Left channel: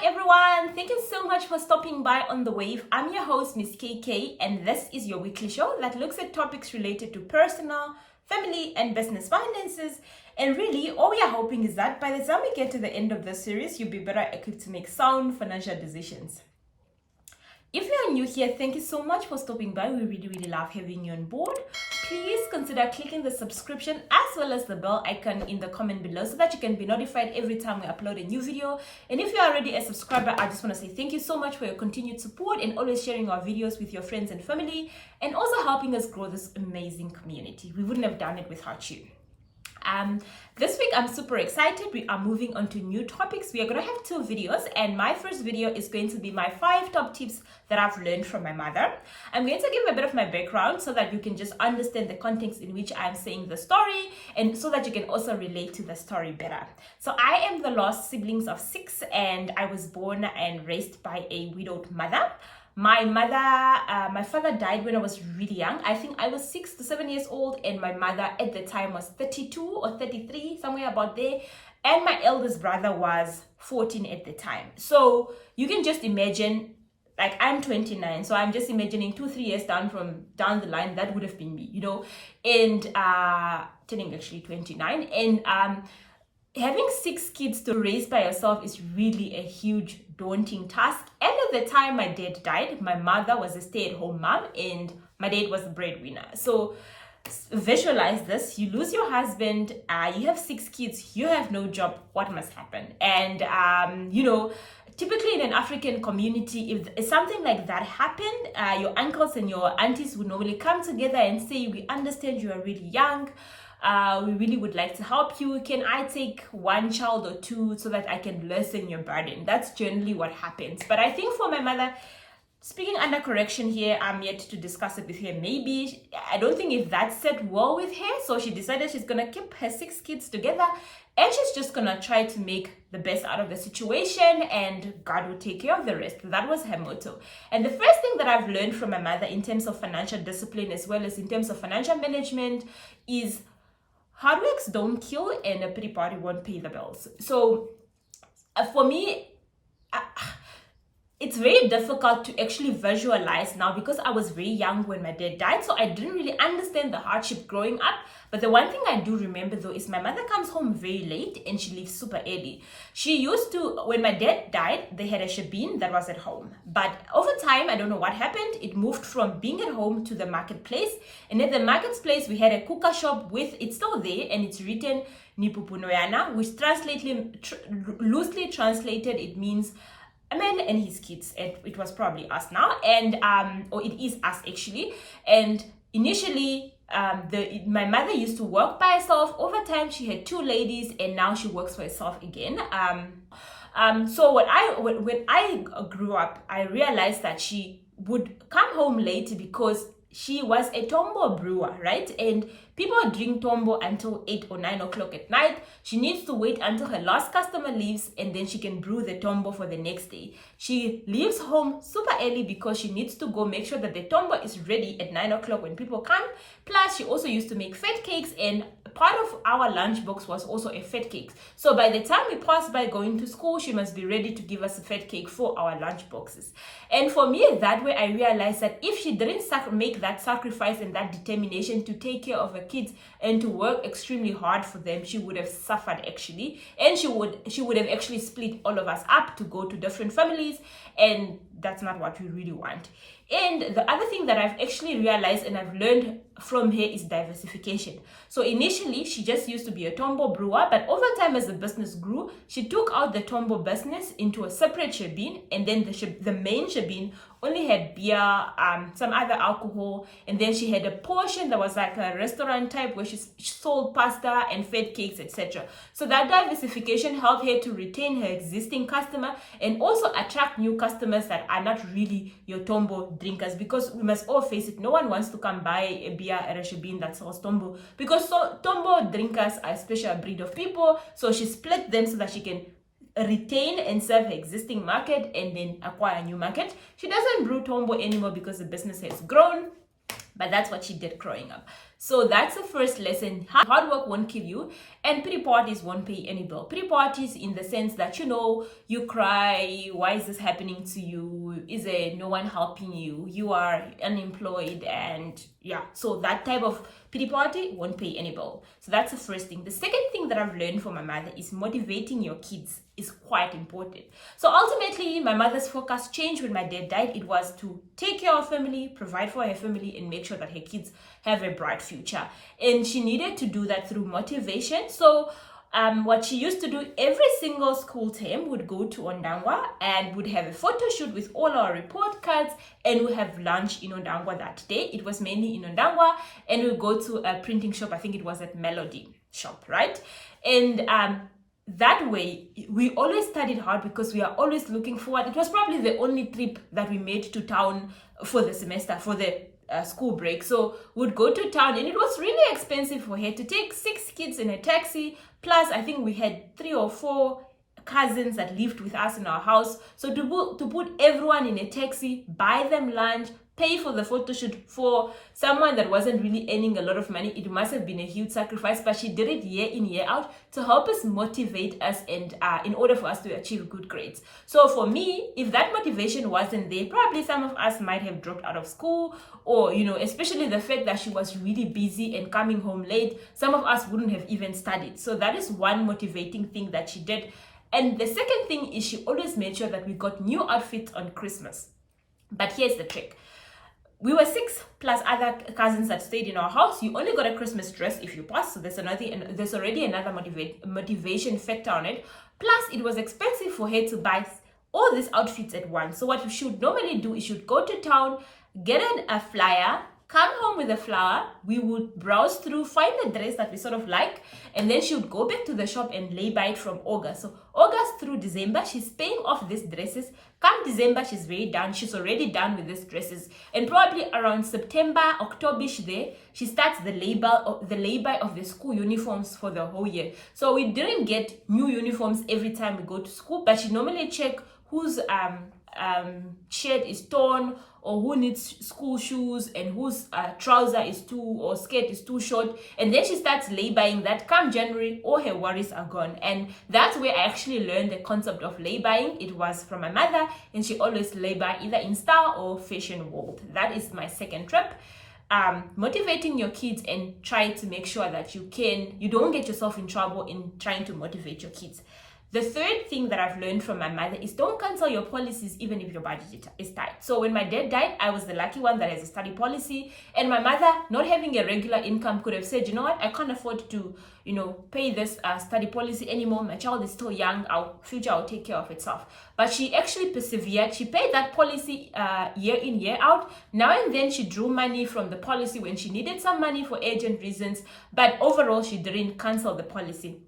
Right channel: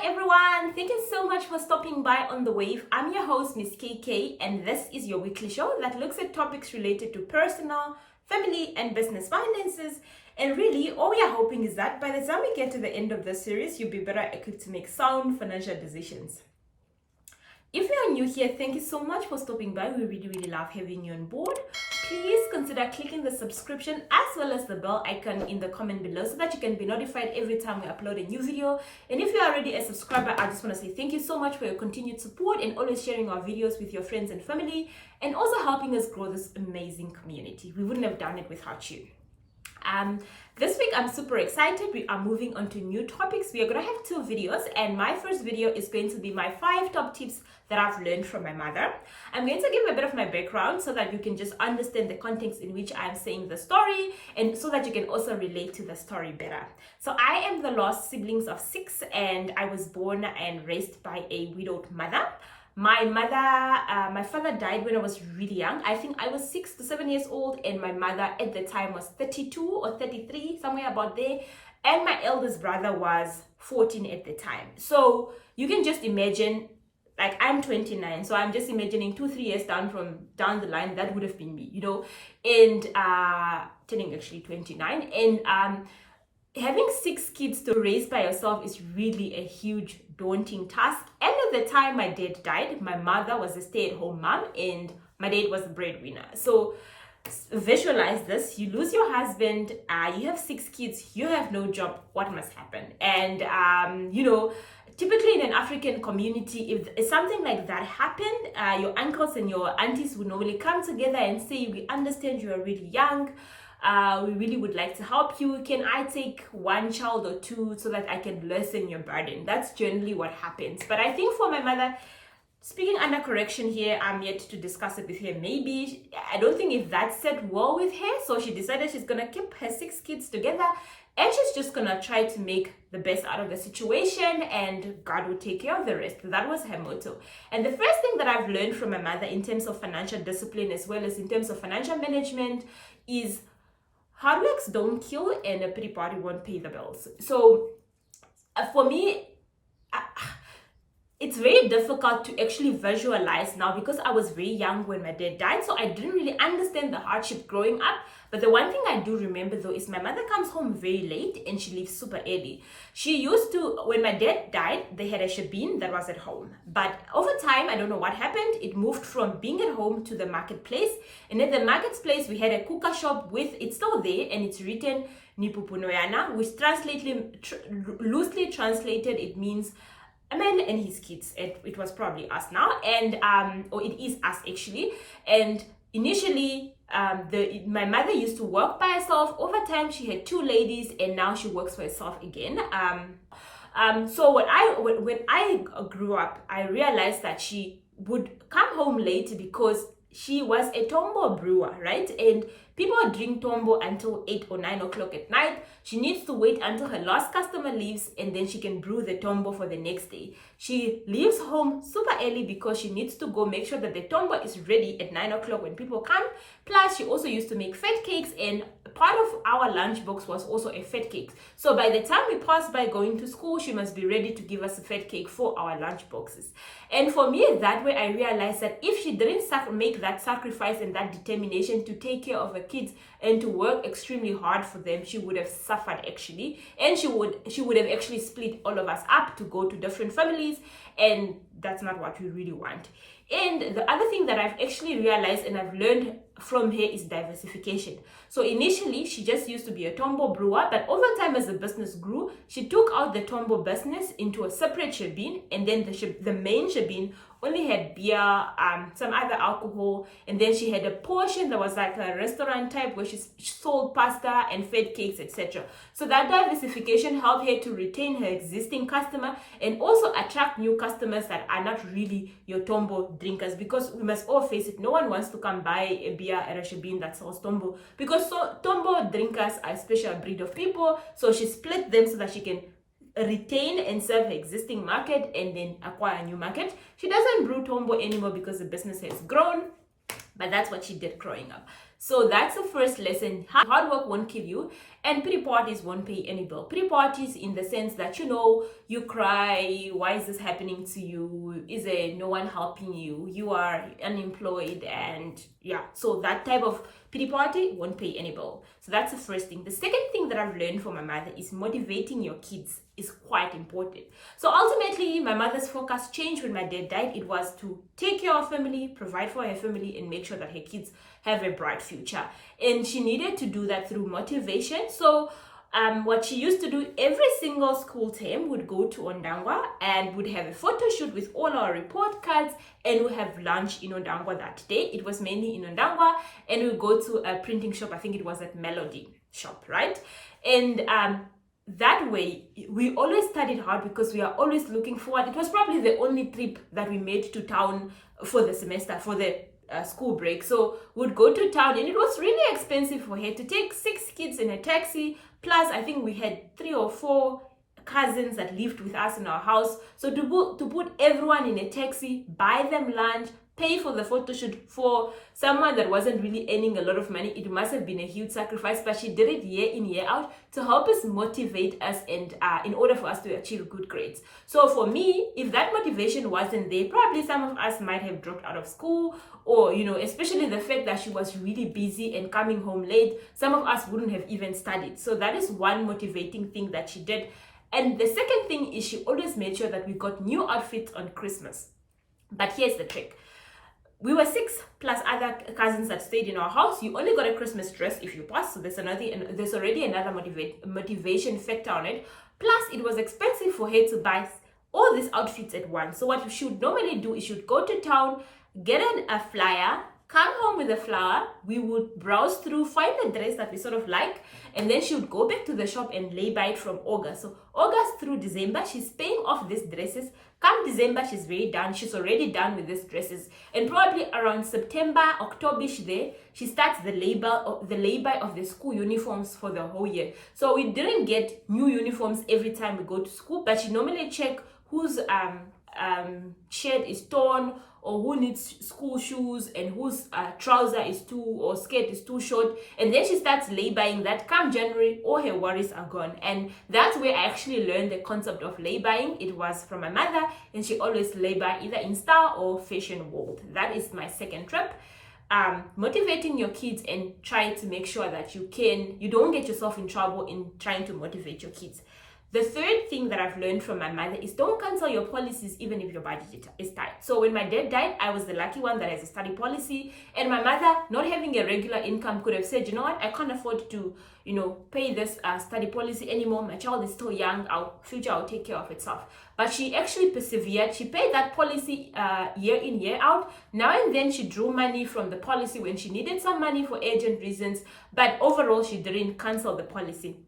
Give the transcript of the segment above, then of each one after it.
Hi everyone, thank you so much for stopping by on The Wave. I'm your host, Miss KK, and this is your weekly show that looks at topics related to personal, family, and business finances. And really, all we are hoping is that by the time we get to the end of this series, you'll be better equipped to make sound financial decisions. If you are new here, thank you so much for stopping by. We really love having you on board. Please consider clicking the subscription as well as the bell icon in the comment below so that you can be notified every time we upload a new video. And if you're already a subscriber, I just want to say thank you so much for your continued support and always sharing our videos with your friends and family, and also helping us grow this amazing community. We wouldn't have done it without you. This week I'm super excited. We are moving on to new topics. We are going to have 2 videos, and my first video is going to be my 5 top tips that I've learned from my mother. I'm going to give a bit of my background so that you can just understand the context in which I'm saying the story, and so that you can also relate to the story better. So I am the last siblings of 6, and I was born and raised by a widowed mother. My father died when I was really young. I think I was 6 to 7 years old, and my mother at the time was 32 or 33, somewhere about there. And my eldest brother was 14 at the time. So you can just imagine, like, I'm 29, so I'm just imagining 2-3 years down the line, that would have been me, you know, and turning actually 29. And having 6 kids to raise by yourself is really a huge, daunting task. And at the time my dad died, my mother was a stay-at-home mom and my dad was a breadwinner. So visualize this: you lose your husband, you have 6 kids, you have no job. What must happen? And you know, typically in an African community, if something like that happened, your uncles and your aunties would normally come together and say, we understand you are really young, we really would like to help you. Can I take 1 child or 2 so that I can lessen your burden? That's generally what happens. But I think for my mother, speaking under correction here, I'm yet to discuss it with her. Maybe, I don't think if that set well with her, so she decided she's gonna keep her 6 kids together and she's just gonna try to make the best out of the situation, and God will take care of the rest. That was her motto. And the first thing that I've learned from my mother in terms of financial discipline as well as in terms of financial management is hard works don't kill and a pity party won't pay the bills. So for me, it's very difficult to actually visualize now because I was very young when my dad died, so I didn't really understand the hardship growing up. But the one thing I do remember though is my mother comes home very late and she leaves super early. She used to, when my dad died, they had a shebeen that was at home. But over time, I don't know what happened, it moved from being at home to the marketplace. And at the marketplace, we had a kuka shop with, it's still there, and it's written Nipupunoyana, which loosely translated, it means a man and his kids. It was probably us now, and or it is us actually. And initially, my mother used to work by herself. Over time, she had 2 ladies, and now she works for herself again. So when I grew up, I realized that she would come home late because she was a tombo brewer, right? And people drink tombo until 8 or 9 o'clock at night. She needs to wait until her last customer leaves, and then she can brew the tombo for the next day. She leaves home super early because she needs to go make sure that the tombo is ready at 9 o'clock when people come. Plus, she also used to make fat cakes, and part of our lunch box was also a fat cake. So by the time we pass by going to school, she must be ready to give us a fat cake for our lunch boxes. And for me, that way I realized that if she didn't make that sacrifice and that determination to take care of her kids and to work extremely hard for them, she would have suffered actually, and she would have actually split all of us up to go to different families, and that's not what we really want. And the other thing that I've actually realized and I've learned from her is diversification. So initially, she just used to be a tombo brewer, but over time as the business grew, she took out the tombo business into a separate shebeen, and then the main shebeen only had beer, some other alcohol, and then she had a portion that was like a restaurant type where she sold pasta and fed cakes, etc. So that diversification helped her to retain her existing customer and also attract new customers that are not really your tombo drinkers, because we must all face it, no one wants to come buy a beer at a shebeen that sells tombo, because tombo drinkers are a special breed of people. So she split them so that she can retain and serve her existing market and then acquire a new market. She doesn't brew tombo anymore because the business has grown. But that's what she did growing up. So that's the first lesson. Hard work won't kill you, and pity parties won't pay any bill. Pity parties in the sense that, you cry, why is this happening to you? Is there no one helping you? You are unemployed, and yeah. So that type of pity party won't pay any bill. So that's the first thing. The second thing that I've learned from my mother is motivating your kids is quite important. So ultimately, my mother's focus changed when my dad died. It was to take care of family, provide for her family, and make sure that her kids have a bright future. And she needed to do that through motivation. So what she used to do every single school term would go to Ondangwa and would have a photo shoot with all our report cards, and we have lunch in Ondangwa that day. It was mainly in Ondangwa, and we go to a printing shop. I think it was at Melody shop, right? And that way, we always studied hard because we are always looking forward. It was probably the only trip that we made to town for the semester, for the school break. So we'd go to town, and it was really expensive for her to take 6 kids in a taxi. Plus, I think we had 3 or 4 cousins that lived with us in our house. So to put everyone in a taxi, buy them lunch, pay for the photo shoot for someone that wasn't really earning a lot of money, it must have been a huge sacrifice, but she did it year in, year out to help us, motivate us, and in order for us to achieve good grades. So for me, if that motivation wasn't there, probably some of us might have dropped out of school, or, especially the fact that she was really busy and coming home late, some of us wouldn't have even studied. So that is one motivating thing that she did. And the second thing is she always made sure that we got new outfits on Christmas. But here's the trick. We were 6 plus other cousins that stayed in our house. You only got a Christmas dress if you pass. So there's already another motivation factor on it. Plus, it was expensive for her to buy all these outfits at once. So what you should normally do is you should go to town, get a flyer, come home with a flower. We would browse through, find the dress that we sort of like, and then she would go back to the shop and lay-by it from August. So August through December, she's paying off these dresses. Come December, she's very done. She's already done with these dresses. And probably around September, October-ish there, she starts the lay-by of the school uniforms for the whole year. So we didn't get new uniforms every time we go to school, but she normally check whose shirt is torn, or who needs school shoes, and whose trouser is or skirt is too short, and then she starts lay-buying that. Come January, all her worries are gone. And that's where I actually learned the concept of lay-buying. It was from my mother, and she always lay-buy either in Star or Fashion World. That is my second trip. Motivating your kids and trying to make sure that you don't get yourself in trouble in trying to motivate your kids. The third thing that I've learned from my mother is don't cancel your policies even if your budget is tight. So when my dad died, I was the lucky one that has a study policy, and my mother, not having a regular income, could have said, you know what, I can't afford to, pay this study policy anymore. My child is still young. Our future will take care of itself. But she actually persevered. She paid that policy year in, year out. Now and then she drew money from the policy when she needed some money for urgent reasons. But overall, she didn't cancel the policy.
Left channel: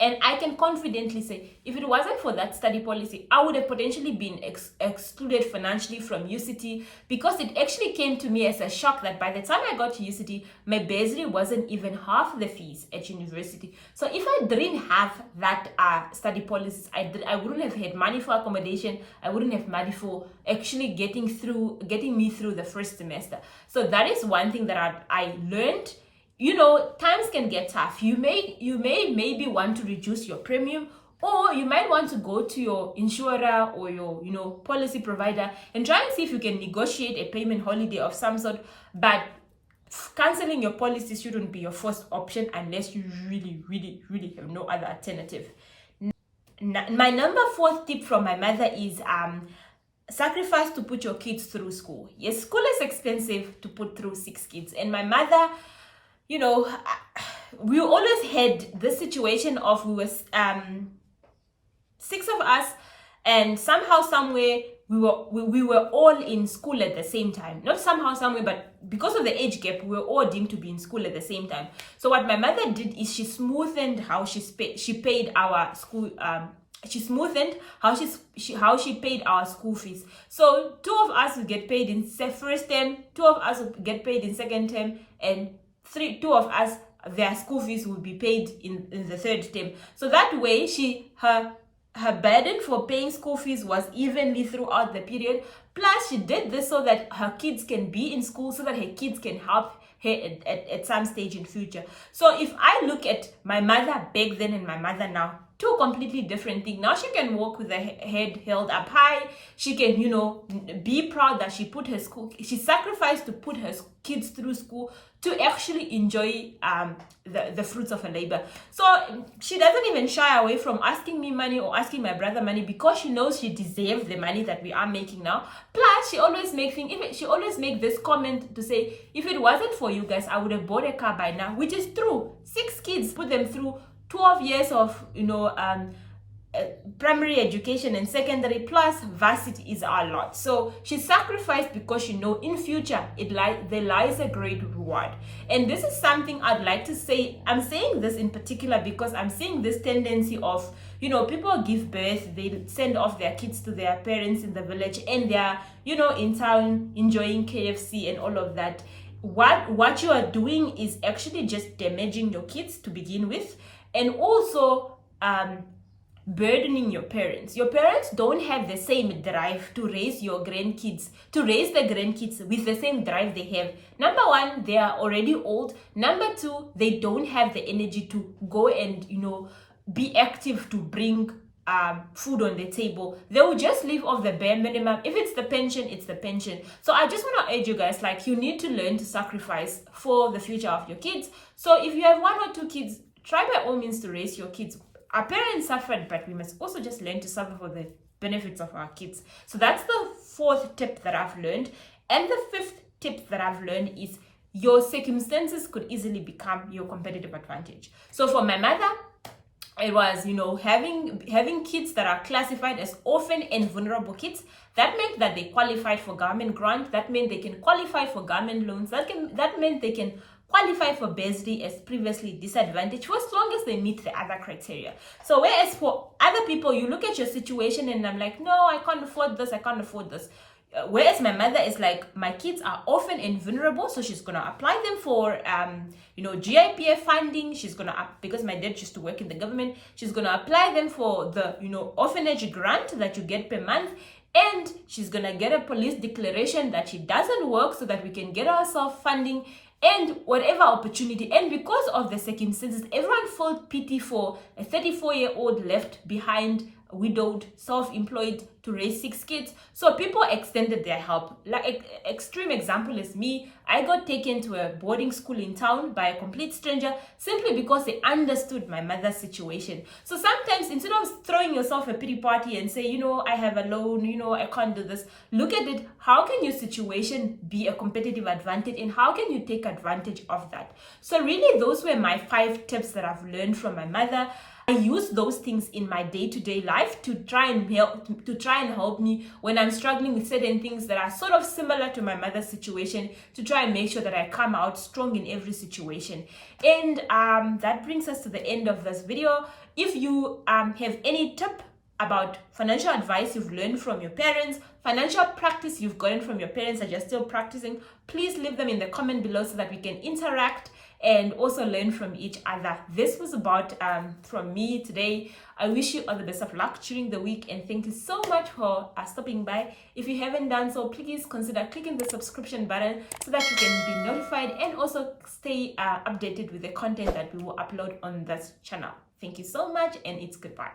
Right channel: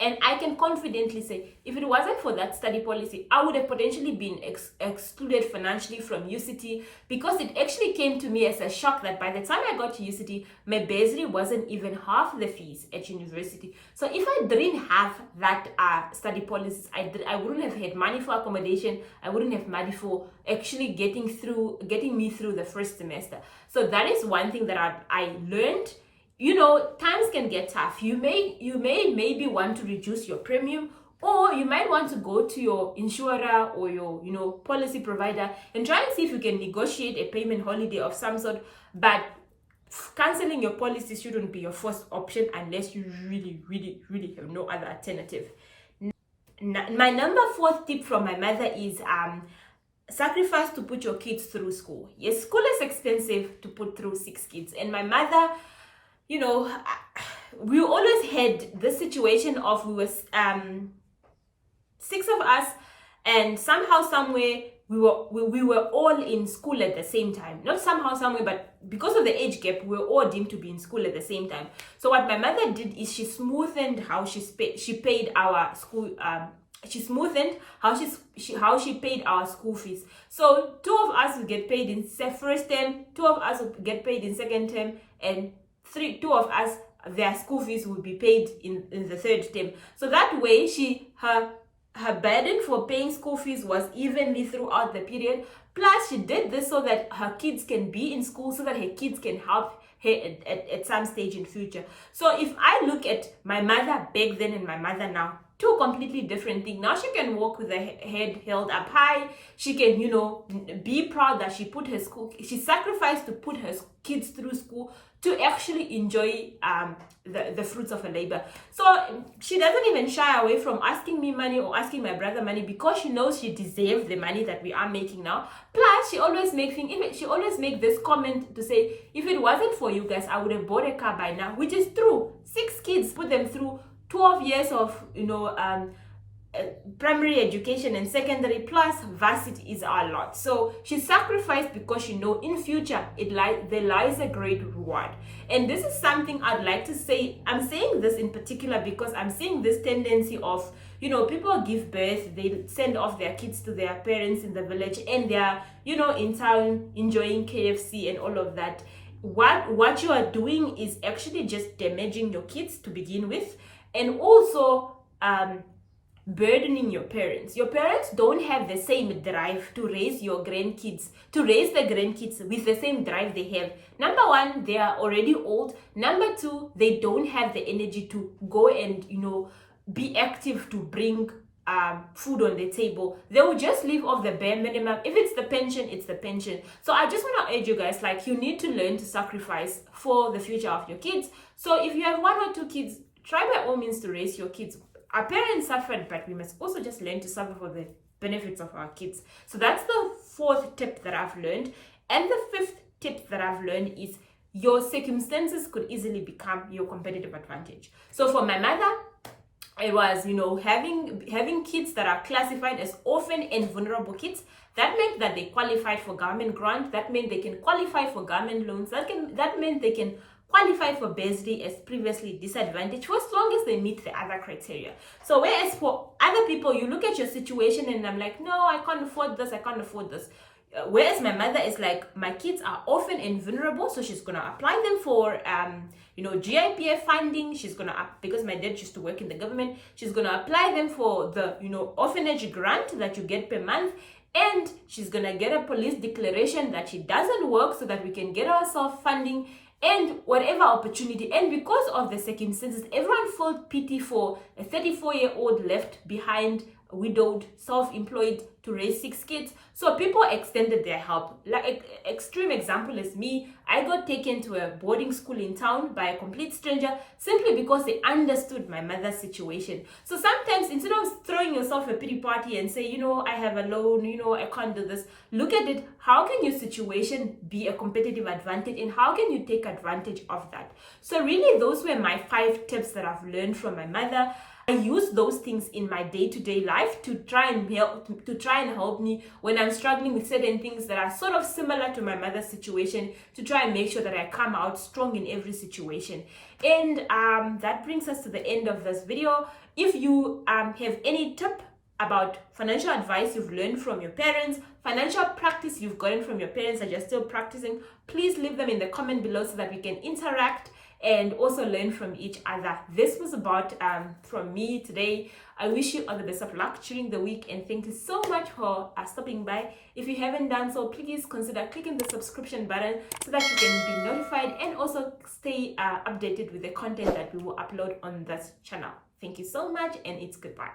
And I can confidently say, if it wasn't for that study policy, I would have potentially been excluded financially from UCT, because it actually came to me as a shock that by the time I got to UCT, my bursary wasn't even half the fees at university. So if I didn't have that study policies, I wouldn't have had money for accommodation. I wouldn't have money for actually getting me through the first semester. So that is one thing that I learned. Times can get tough. You may maybe want to reduce your premium, or you might want to go to your insurer or your policy provider and try and see if you can negotiate a payment holiday of some sort. But canceling your policy shouldn't be your first option unless you really, really, really have no other alternative. My number 4 tip from my mother is sacrifice to put your kids through school. Yes, school is expensive to put through 6 kids, and my mother, we always had this situation of we were 6 of us, and somehow, somewhere, we were all in school at the same time. Not somehow, somewhere, but because of the age gap, we were all deemed to be in school at the same time. So what my mother did is she smoothened how she paid our school. She smoothened how she paid our school fees. So 2 of us would get paid in first term, 2 of us would get paid in second term, and 2 of us, their school fees would be paid in the third term. So that way, her her burden for paying school fees was evenly throughout the period. Plus, she did this so that her kids can be in school, so that her kids can help her at some stage in future. So if I look at my mother back then and my mother now, two completely different things. Now she can walk with her head held up high. She can, you know, be proud that she sacrificed to put her kids through school to actually enjoy the fruits of her labor. So she doesn't even shy away from asking me money or asking my brother money, because she knows she deserves the money that we are making now. Plus, she always make this comment to say, if it wasn't for you guys, I would have bought a car by now, which is true. 6 kids, put them through 12 years of, you know, primary education and secondary plus varsity is a lot. So she sacrificed because she know in future there lies a great reward. And this is something I'd like to say. I'm saying this in particular because I'm seeing this tendency of, you know, people give birth, they send off their kids to their parents in the village, and they're, you know, in town enjoying KFC and all of that. What you are doing is actually just damaging your kids to begin with, and also burdening your parents. Your parents don't have the same drive to raise your grandkids, to raise the grandkids with the same drive they have. Number one, they are already old. Number two, they don't have the energy to go and, you know, be active to bring food on the table. They will just live off the bare minimum. If it's the pension, it's the pension. So I just want to urge you guys, like, you need to learn to sacrifice for the future of your kids. So if you have 1 or 2 kids, try by all means to raise your kids. Our parents suffered, but we must also just learn to suffer for the benefits of our kids. So that's the 4th tip that I've learned. And the 5th tip that I've learned is your circumstances could easily become your competitive advantage. So for my mother, it was, you know, having kids that are classified as orphan and vulnerable kids. That meant that they qualified for government grant. That meant they can qualify for government loans. That meant they can qualify for bursary as previously disadvantaged, for as long as they meet the other criteria. So whereas for other people, you look at your situation and I'm like, no, I can't afford this, I can't afford this. Whereas my mother is like, my kids are orphan and vulnerable, so she's gonna apply them for you know, GIPF funding. She's gonna, because my dad used to work in the government, she's gonna apply them for the, you know, orphanage grant that you get per month. And she's gonna get a police declaration that she doesn't work, so that we can get ourselves funding and whatever opportunity. And because of the circumstances, everyone felt pity for a 34-year-old left behind, widowed, self-employed, to raise 6 kids. So people extended their help. Like, extreme example is me. I got taken to a boarding school in town by a complete stranger, simply because they understood my mother's situation. So sometimes, instead of throwing yourself a pity party and say, you know, I have a loan, you know, I can't do this, look at it, how can your situation be a competitive advantage, and how can you take advantage of that? So really, those were my 5 tips that I've learned from my mother. I use those things in my day-to-day life to try and help me when I'm struggling with certain things that are sort of similar to my mother's situation, to try and make sure that I come out strong in every situation. And that brings us to the end of this video. If you have any tip about financial advice you've learned from your parents, financial practice you've gotten from your parents that you're still practicing, please leave them in the comment below so that we can interact and also learn from each other. This was about from me today. I wish you all the best of luck during the week, and thank you so much for stopping by. If you haven't done so, please consider clicking the subscription button so that you can be notified and also stay updated with the content that we will upload on this channel. Thank you so much, and it's goodbye.